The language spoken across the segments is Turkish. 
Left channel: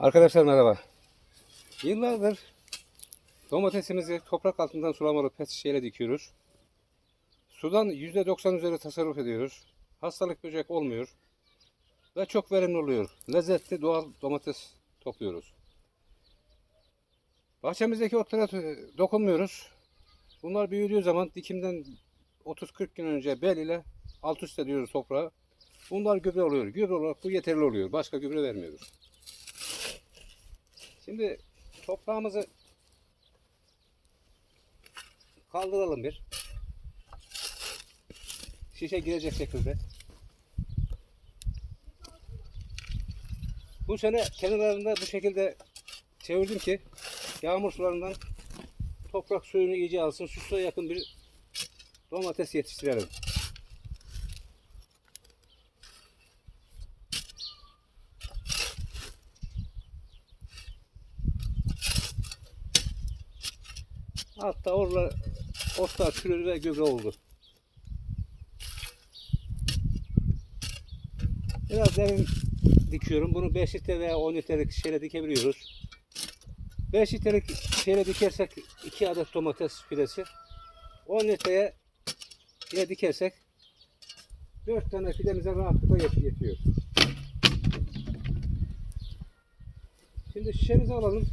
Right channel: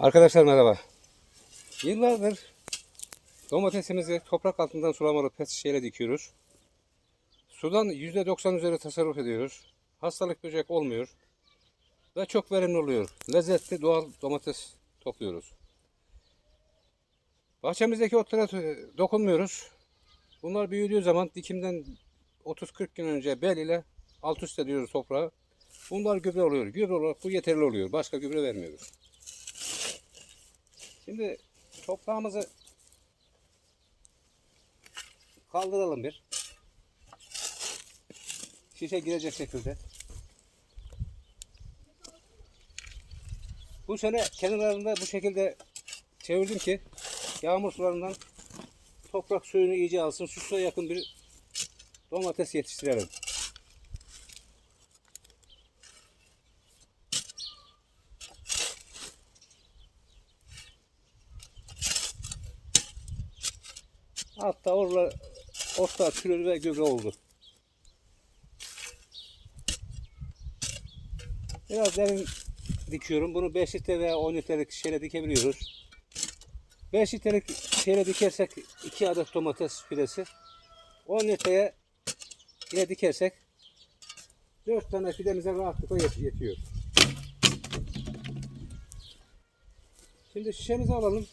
Arkadaşlar merhaba. Yıllardır domatesimizi toprak altından sulamalı pet şişeyle dikiyoruz. Sudan %90 üzeri tasarruf ediyoruz. Hastalık böcek olmuyor. Ve çok verimli oluyor. Lezzetli doğal domates topluyoruz. Bahçemizdeki otlara dokunmuyoruz. Bunlar büyüdüğü zaman dikimden 30-40 gün önce bel ile alt üst ediyoruz toprağı. Bunlar gübre oluyor. Gübre olarak bu yeterli oluyor. Başka gübre vermiyoruz. Şimdi toprağımızı kaldıralım bir. Şişe girecek şekilde. Bu sene kenarlarında bu şekilde çevirdim ki yağmur sularından toprak suyunu iyice alsın. Susuz'a yakın bir domates yetiştirelim. Hatta orada otlar çürür ve gübre oldu. Biraz derin dikiyorum. Bunu 5 litre veya 10 litrelik şişeyle dikebiliyoruz. 5 litrelik şişeyle dikersek 2 adet domates fidesi. 10 litreye yine dikersek 4 tane fidemize rahatlıkla yetiyor. Şimdi şişemizi alalım.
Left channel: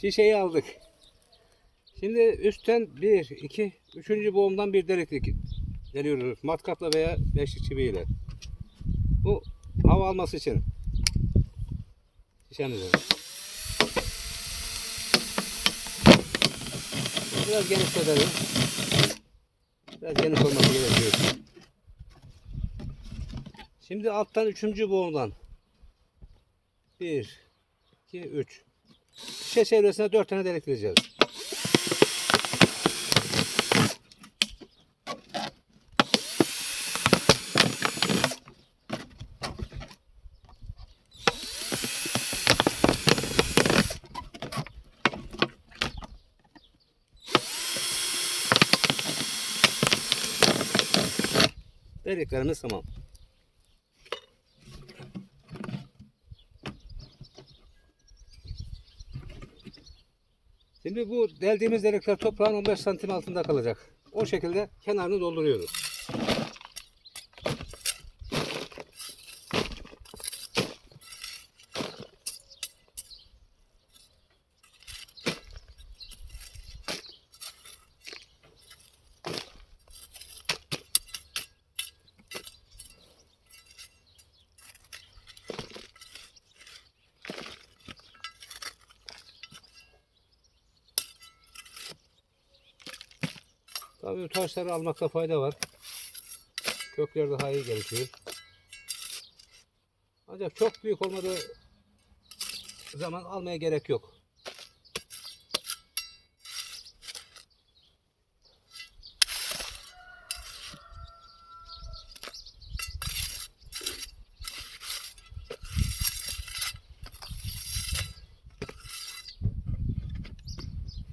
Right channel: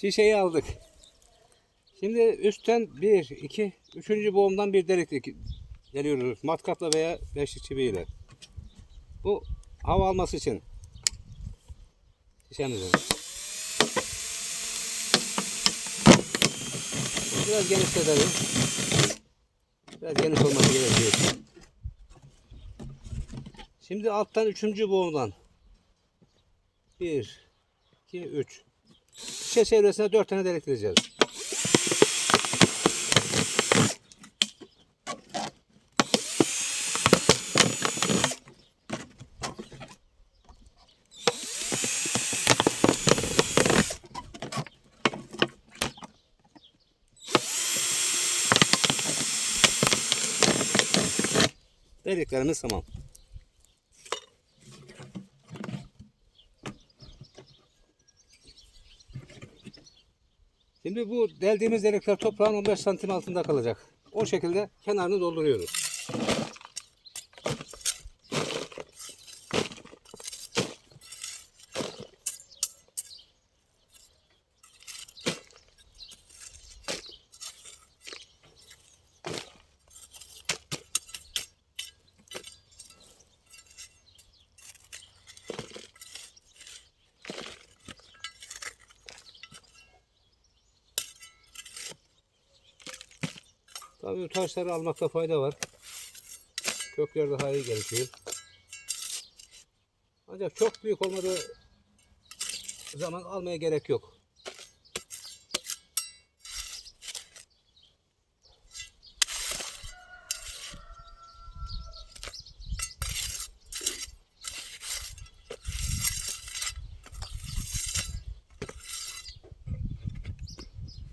Şişeyi aldık. Şimdi üstten 1, 2, 3. boğumdan bir delik geliyoruz. Matkapla veya beşlik çiviyle. Bu hava alması için. Şişemizi. Biraz genişletelim. Biraz geniş olması gerekiyor. Şimdi alttan 3. boğumdan 1, 2, 3. Şişe çevresine 4 tane delik vereceğiz. Deliklerimiz tamam. Şimdi bu deldiğimiz delikler toprağın 15 santim altında kalacak. O şekilde kenarını dolduruyoruz. Tabii taşları almakta fayda var. Kökler daha iyi gelişiyor. Ancak çok büyük olmadığı zaman almaya gerek yok.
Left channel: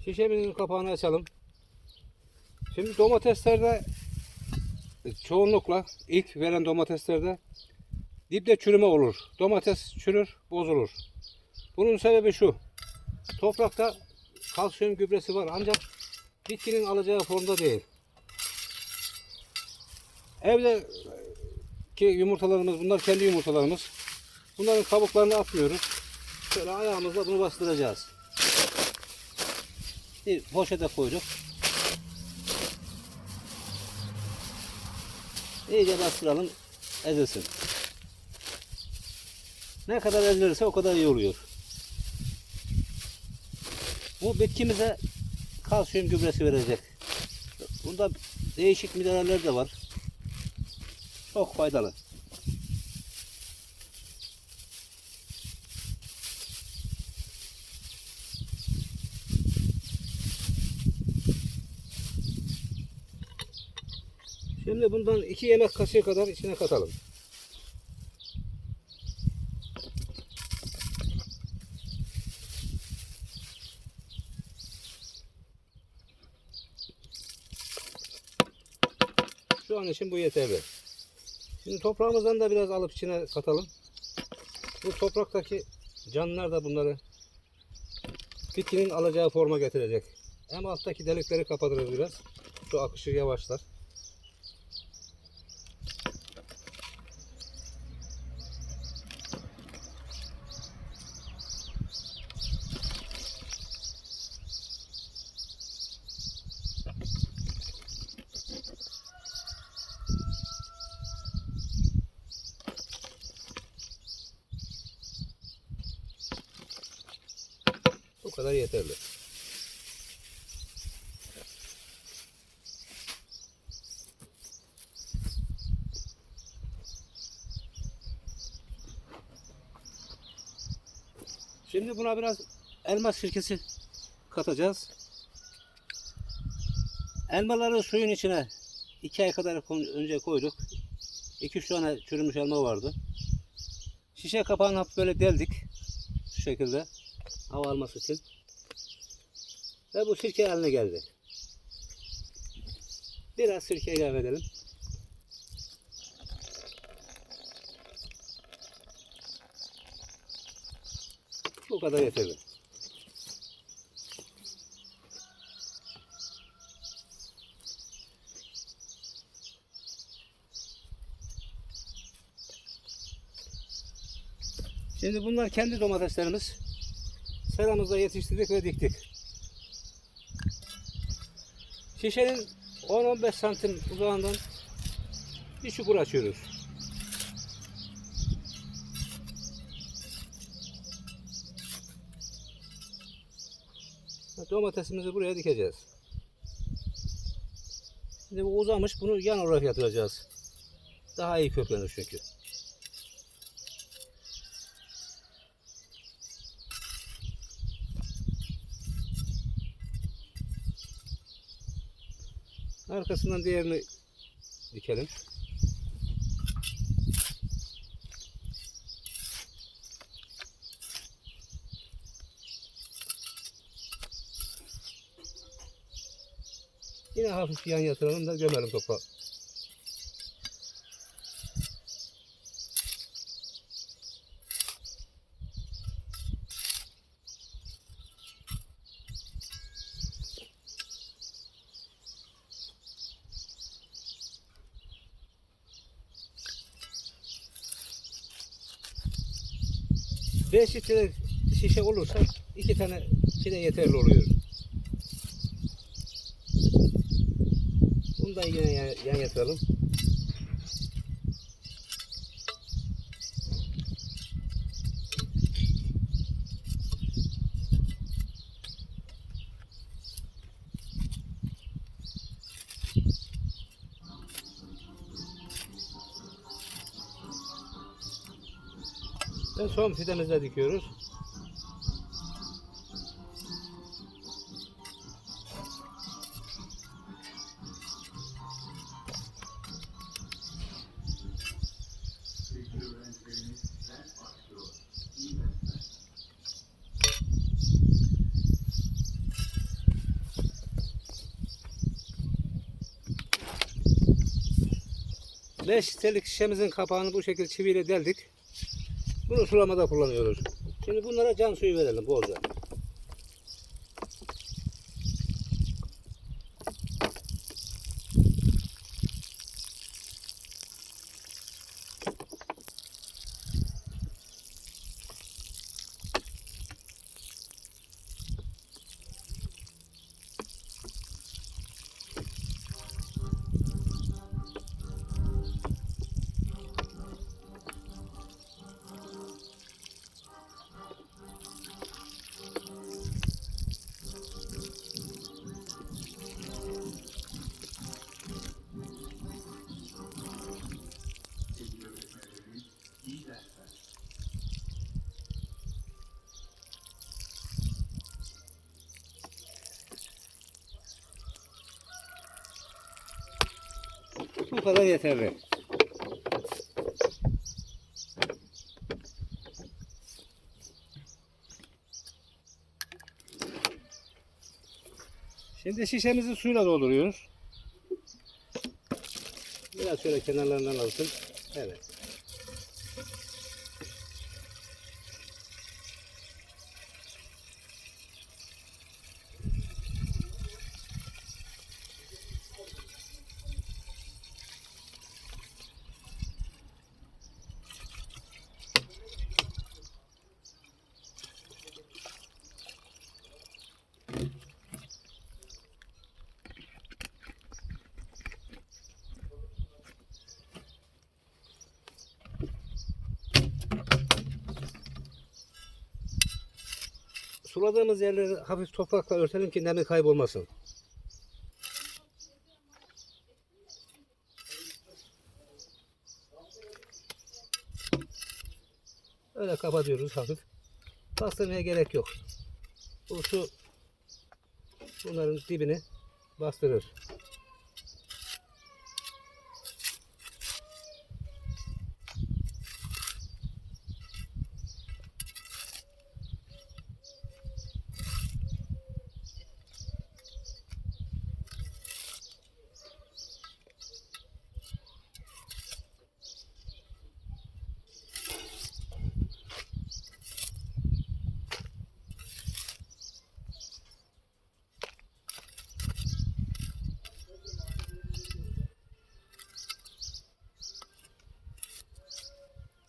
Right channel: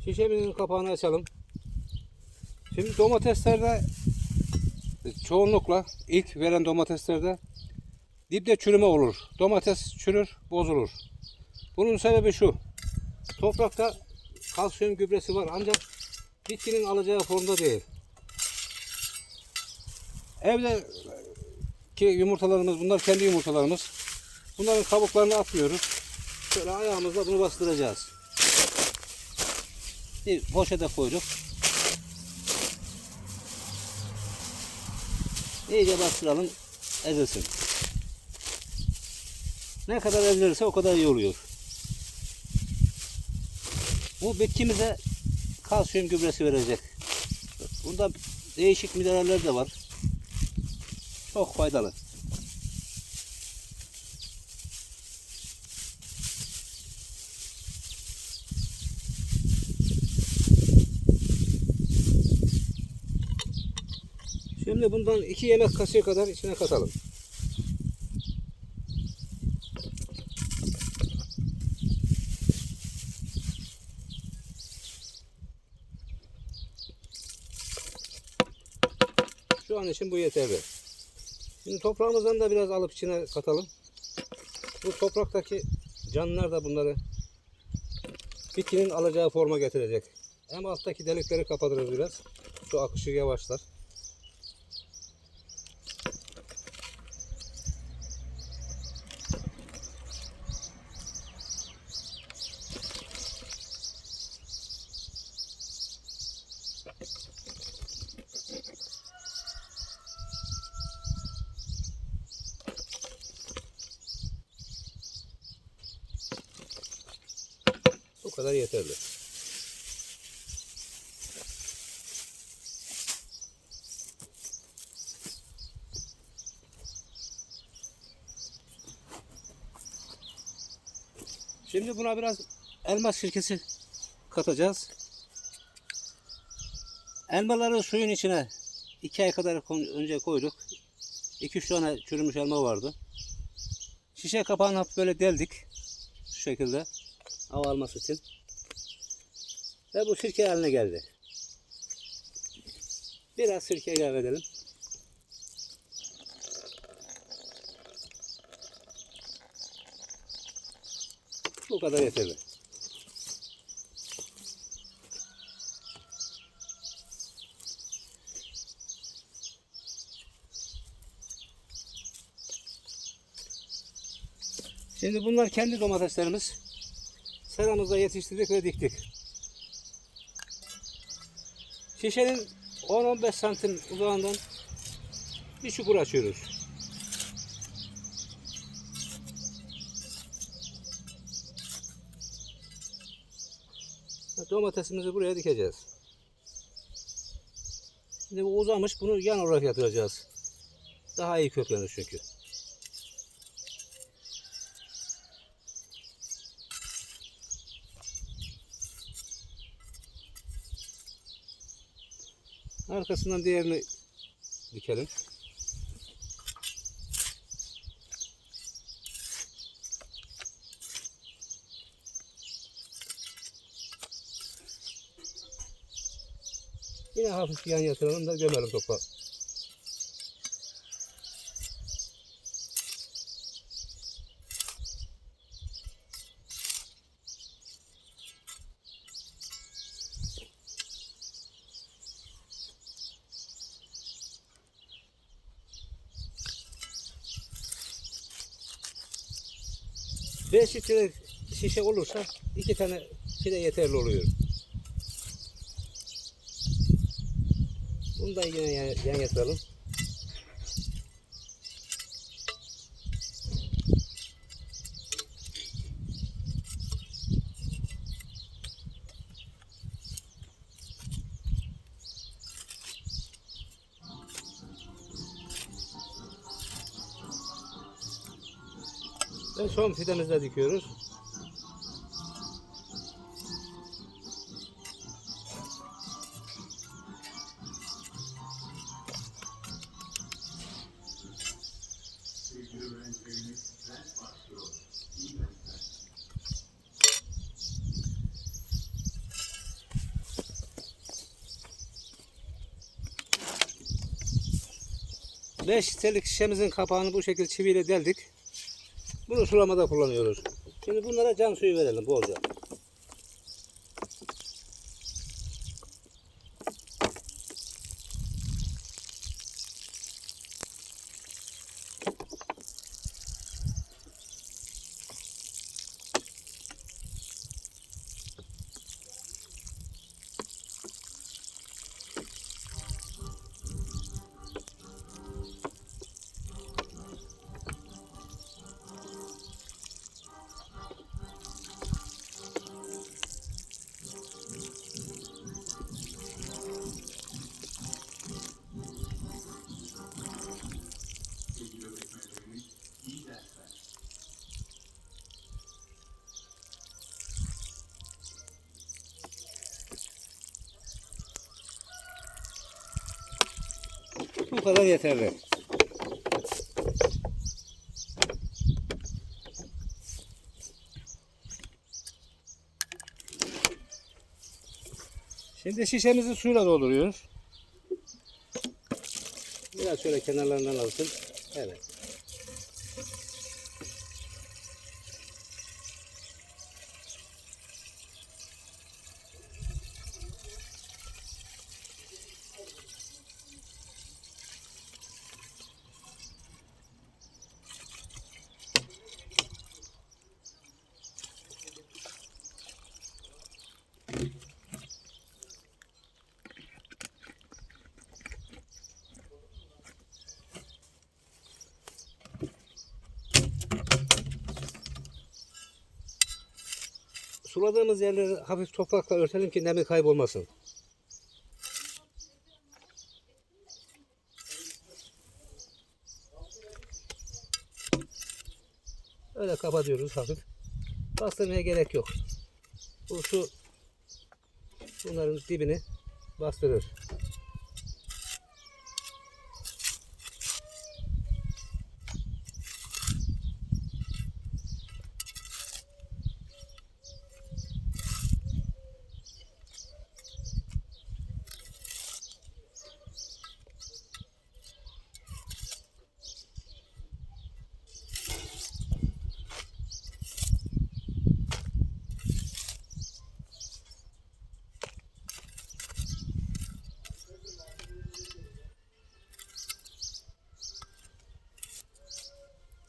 Şişemizin kapağını açalım. Şimdi domateslerde çoğunlukla ilk veren domateslerde dipte çürüme olur. Domates çürür, bozulur. Bunun sebebi şu. Toprakta kalsiyum gübresi var ancak bitkinin alacağı formda değil. Evdeki yumurtalarımız, bunlar kendi yumurtalarımız. Bunların kabuklarını atmıyoruz. Şöyle ayağımızla bunu bastıracağız. Bir poşete koyduk. İyice bastıralım, ezilsin. Ne kadar ezilirse o kadar iyi oluyor. Bu bitkimize kalsiyum gübresi verecek. Bunda değişik mineraller de var. Çok faydalı. Şimdi bundan 2 yemek kaşığı kadar içine katalım. Şu an için bu yeterli. Şimdi toprağımızdan da biraz alıp içine katalım. Bu topraktaki canlılar da bunları bitkinin alacağı forma getirecek. Hem alttaki delikleri kapatırız biraz. Su akışı yavaşlar. Bu kadar yeterli. Şimdi buna biraz elma sirkesi katacağız. Elmaları suyun içine 2 ay kadar önce koyduk. 2-3 tane çürümüş elma vardı. Şişe kapağını hafif böyle deldik. Şu şekilde. Hava alması için. Ve bu sirke haline geldi. Biraz sirke ilave edelim. Bu kadar yeterli. Şimdi bunlar kendi domateslerimiz. Seramızda yetiştirdik ve diktik. Şişenin 10-15 santim uzağından bir çukur açıyoruz. Domatesimizi buraya dikeceğiz. Şimdi bu uzamış, bunu yan olarak yatıracağız. Daha iyi köklenir çünkü. Arkasından diğerini dikelim. Yine hafif yan yatıralım da gömelim toprağı. Beş litre şişe olursa 2 tane fide yeterli oluyor. Bunu da yine yan yatıralım. Ve son fidemizle dikiyoruz. Beş litrelik şişemizin kapağını bu şekilde çiviyle deldik. Bunu sulamada kullanıyoruz. Şimdi bunlara can suyu verelim bolca. Bu kadar yeterli. Şimdi şişemizi suyla dolduruyoruz. Biraz şöyle kenarlarından alsın. Evet. Suladığımız yerleri hafif toprakla örtelim ki nemi kaybolmasın. Öyle kapatıyoruz hafif. Bastırmaya gerek yok. Bu su bunların dibini bastırır.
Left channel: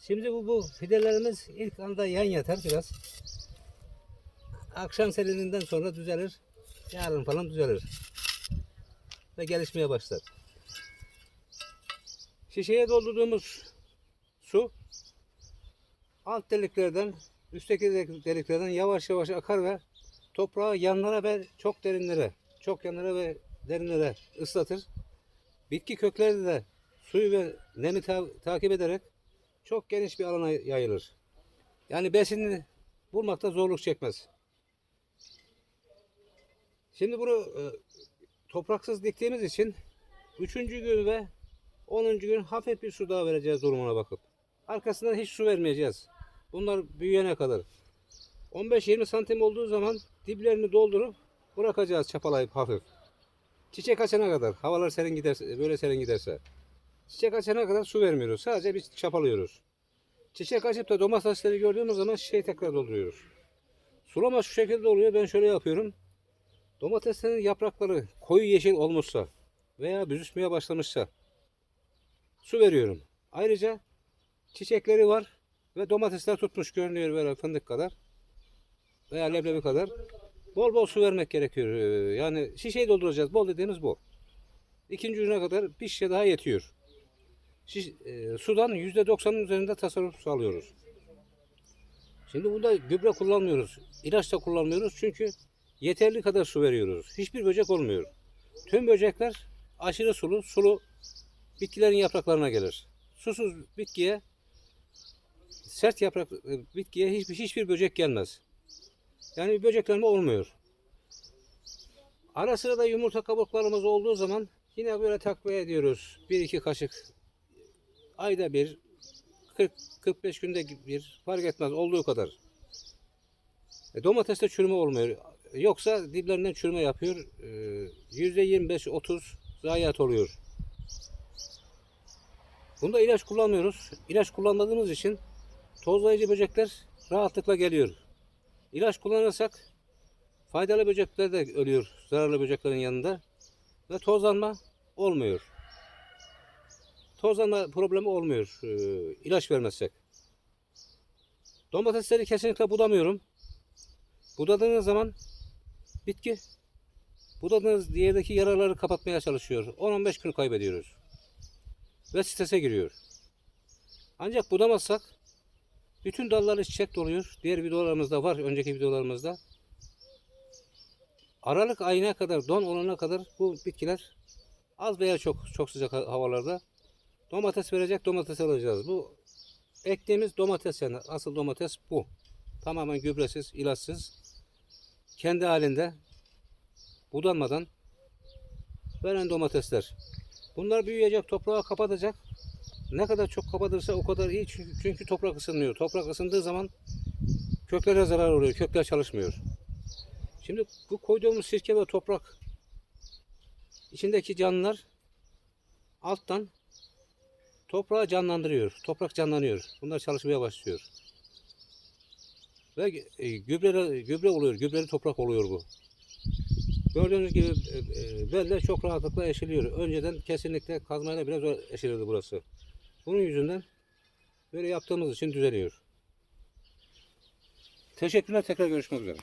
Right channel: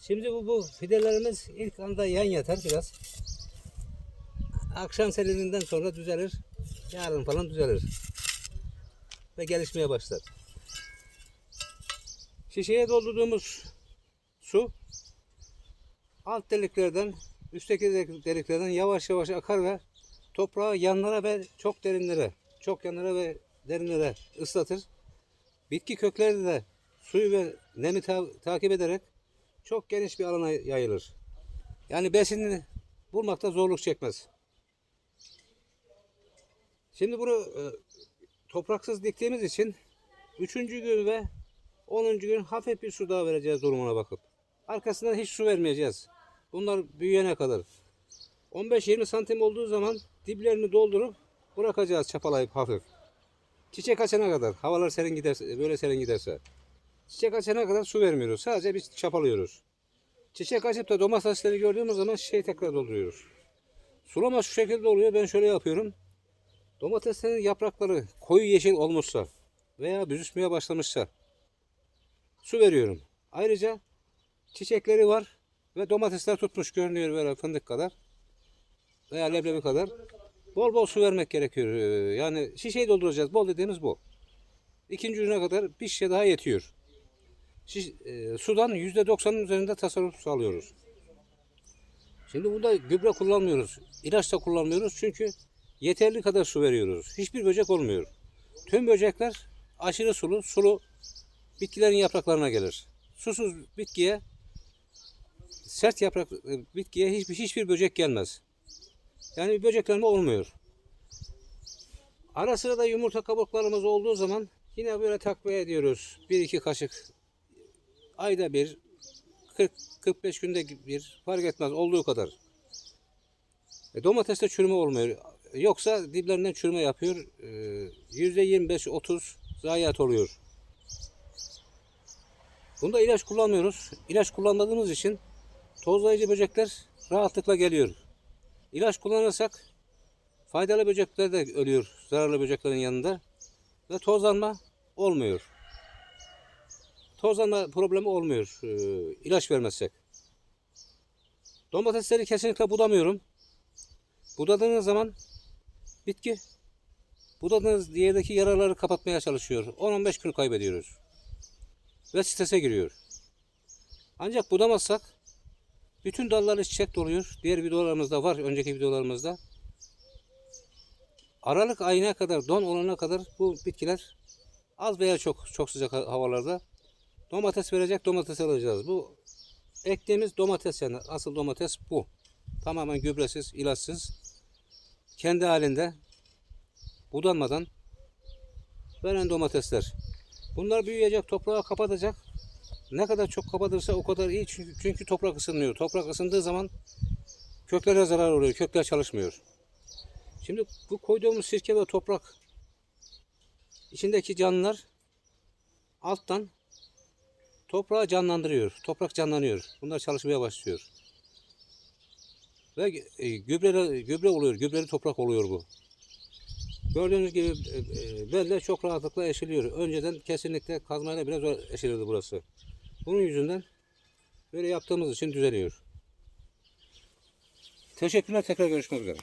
Şimdi bu fidelerimiz ilk anda yan yatar biraz. Akşam serininden sonra düzelir. Yarın falan düzelir. Ve gelişmeye başlar. Şişeye doldurduğumuz su alt deliklerden, üstteki deliklerden yavaş yavaş akar ve toprağı yanlara ve çok derinlere, çok yanlara ve derinlere ıslatır. Bitki kökleri de suyu ve nemi takip ederek çok geniş bir alana yayılır. Yani besinini bulmakta zorluk çekmez. Şimdi bunu topraksız diktiğimiz için 3. gün ve 10. gün hafif bir su daha vereceğiz durumuna bakıp. Arkasından hiç su vermeyeceğiz. Bunlar büyüyene kadar. 15-20 santim olduğu zaman diplerini doldurup bırakacağız çapalayıp hafif. Çiçek açana kadar, havalar serin giderse, böyle serin giderse. Çiçek açana kadar su vermiyoruz. Sadece biz çapalıyoruz. Çiçek açıp da domatesleri gördüğümüz zaman şişeyi tekrar dolduruyoruz. Sulama şu şekilde oluyor. Ben şöyle yapıyorum. Domateslerin yaprakları koyu yeşil olmuşsa veya büzüşmeye başlamışsa su veriyorum. Ayrıca çiçekleri var ve domatesler tutmuş görünüyor böyle fındık kadar veya leblebi kadar. Bol bol su vermek gerekiyor. Yani şişeyi dolduracağız. Bol dediğimiz bu. 2. güne kadar bir şişe daha yetiyor. Sudan %90'ın üzerinde tasarruf sağlıyoruz. Şimdi burada gübre kullanmıyoruz. İlaç da kullanmıyoruz çünkü yeterli kadar su veriyoruz. Hiçbir böcek olmuyor. Tüm böcekler aşırı sulu bitkilerin yapraklarına gelir. Susuz bitkiye, sert yaprak bitkiye hiçbir böcek gelmez. Yani bir böceklenme olmuyor. Ara sıra da yumurta kabuklarımız olduğu zaman yine böyle takviye ediyoruz. 1-2 kaşık ayda bir, 40-45 günde bir fark etmez olduğu kadar. Domateste çürüme olmuyor. Yoksa diplerinden çürüme yapıyor. %25-30 zayiat oluyor. Bunda ilaç kullanmıyoruz. İlaç kullandığımız için tozlayıcı böcekler rahatlıkla geliyor. İlaç kullanırsak faydalı böcekler de ölüyor zararlı böceklerin yanında ve tozlanma olmuyor. Tozlanma problemi olmuyor ilaç vermezsek. Domatesleri kesinlikle budamıyorum. Budadığınız zaman bitki budadığınız yerdeki yaraları kapatmaya çalışıyor. 10-15 gün kaybediyoruz. Ve strese giriyor. Ancak budamazsak bütün dalları çiçek doluyor. Diğer videolarımızda var, önceki videolarımızda. Aralık ayına kadar, don olana kadar bu bitkiler az veya çok sıcak havalarda domates verecek, domates alacağız. Bu ektiğimiz domates yani asıl domates bu. Tamamen gübresiz, ilaçsız, kendi halinde budanmadan veren domatesler. Bunlar büyüyecek, toprağı kapatacak. Ne kadar çok kapatırsa o kadar iyi çünkü toprak ısınmıyor. Toprak ısındığı zaman köklere zarar oluyor, kökler çalışmıyor. Şimdi bu koyduğumuz sirke ve toprak içindeki canlılar alttan toprağı canlandırıyor. Toprak canlanıyor. Bunlar çalışmaya başlıyor. Ve gübre oluyor. Gübreli toprak oluyor bu. Gördüğünüz gibi belle çok rahatlıkla eşiliyor. Önceden kesinlikle kazmayla biraz zor eşiliyordu burası. Bunun yüzünden böyle yaptığımız için düzeliyor. Teşekkürler. Tekrar görüşmek üzere.